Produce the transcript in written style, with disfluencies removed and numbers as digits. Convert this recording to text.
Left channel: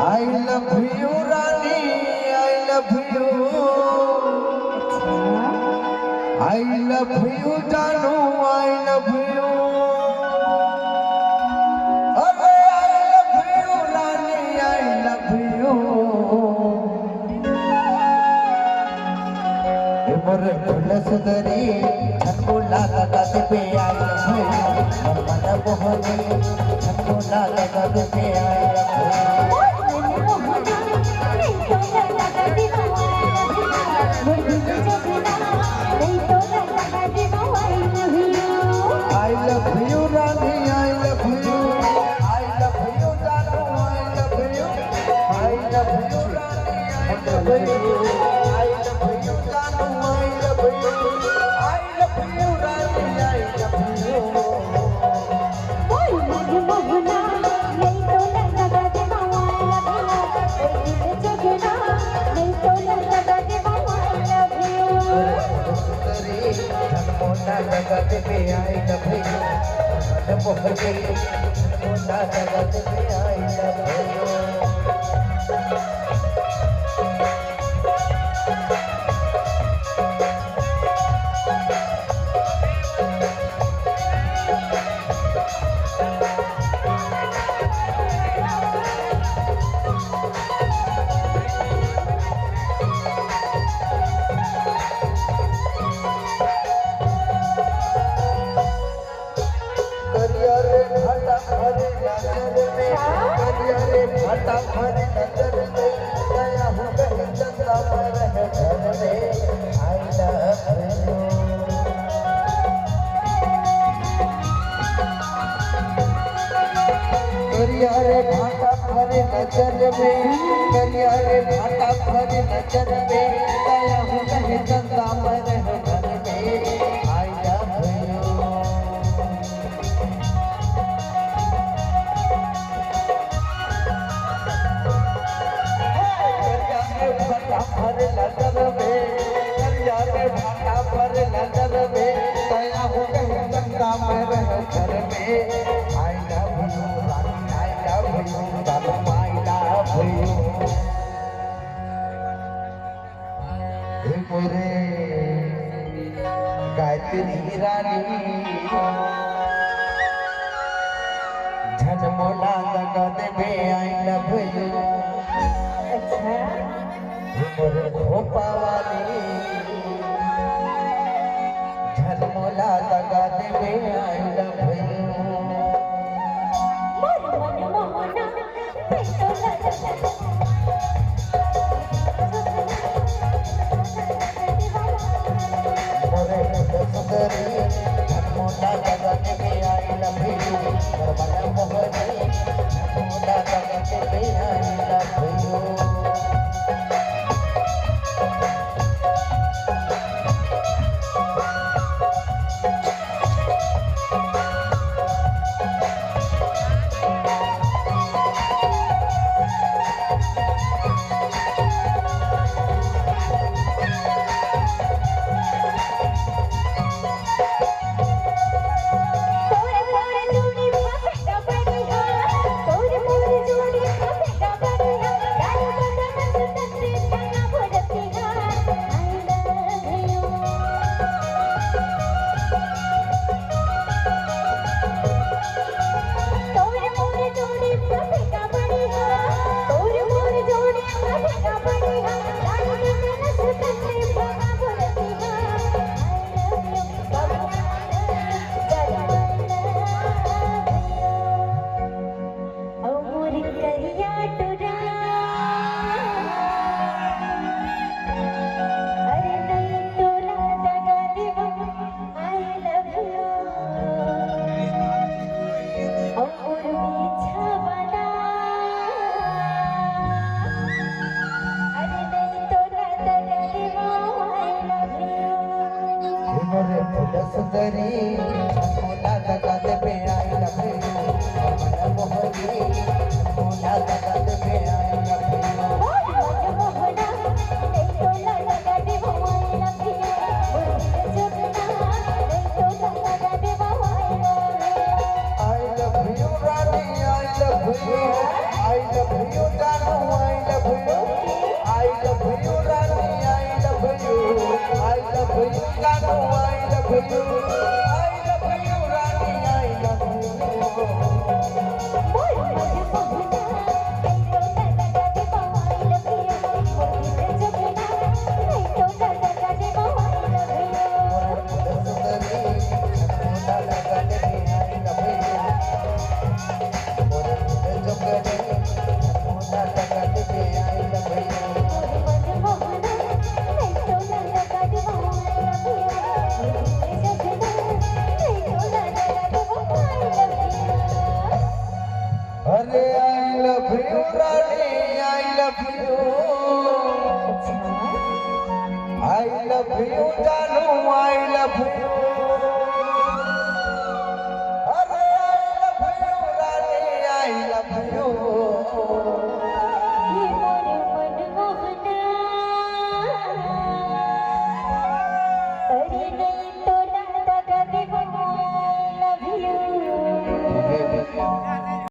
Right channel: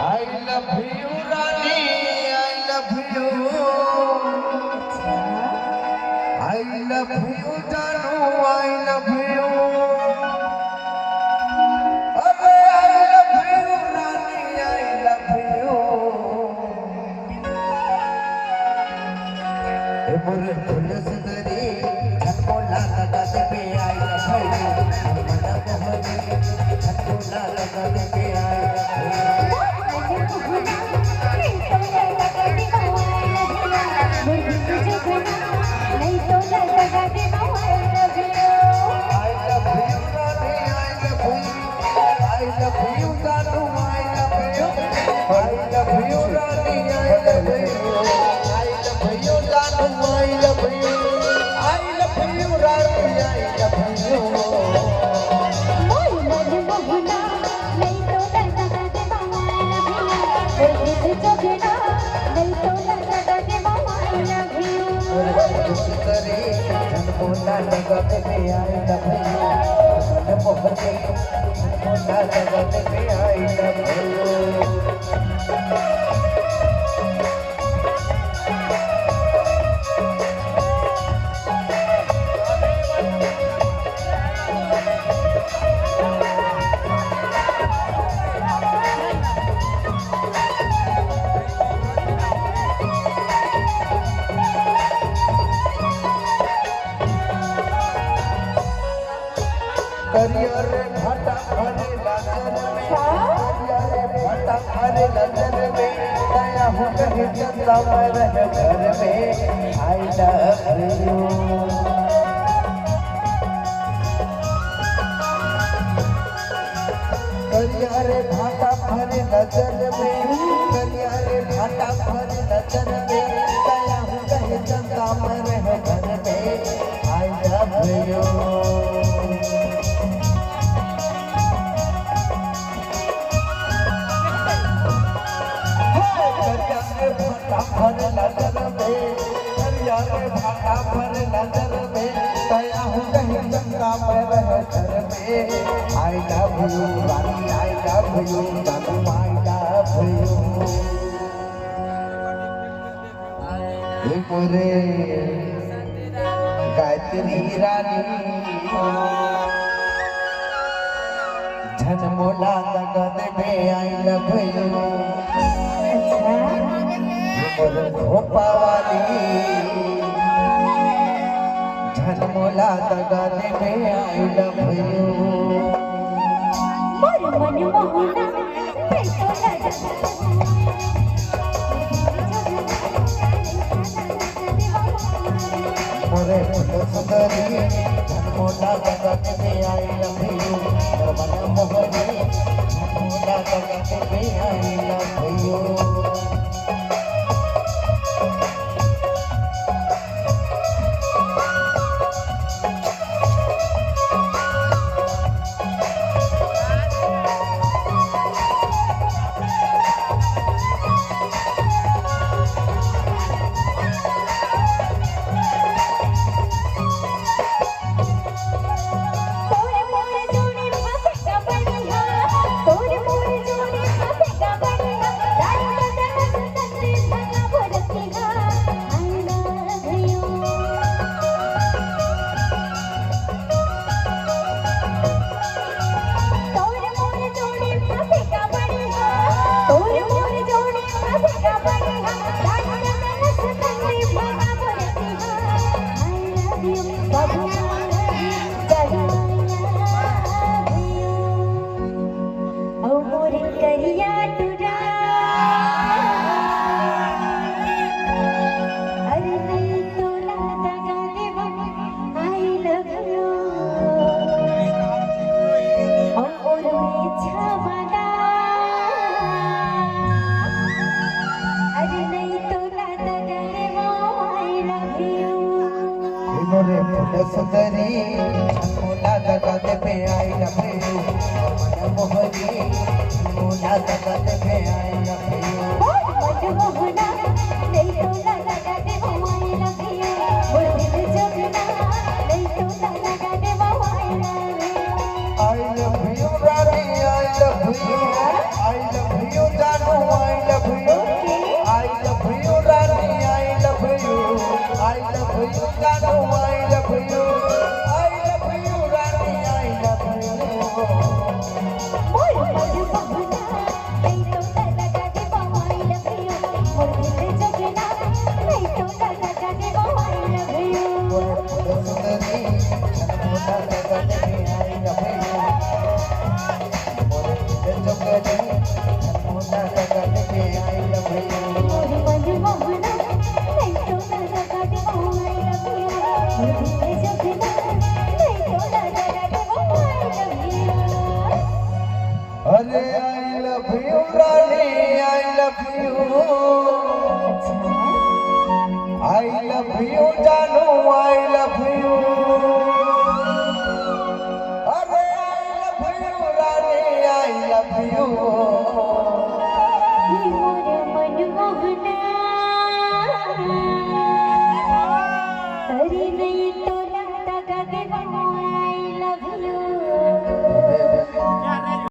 I love you, Rani. I love you. I love you, Janu. I love you. Arre, I love you, Rani. I love you. मोरे फूल सुंदरी बोला लगा दे पे I love you मन मोहने बोला लगा दे पे आई गायत्री रानी झनमोला लगा दे बे आई लव यू मोर खोपावाली झनमोला लगा दे बे आई लव यू मोर मन मोहना मोटा लगा के बे आई लव यू मन मोहनी मोटा लगा के बे आई लव यू सुंदरी मोना लगाते पे आई अपने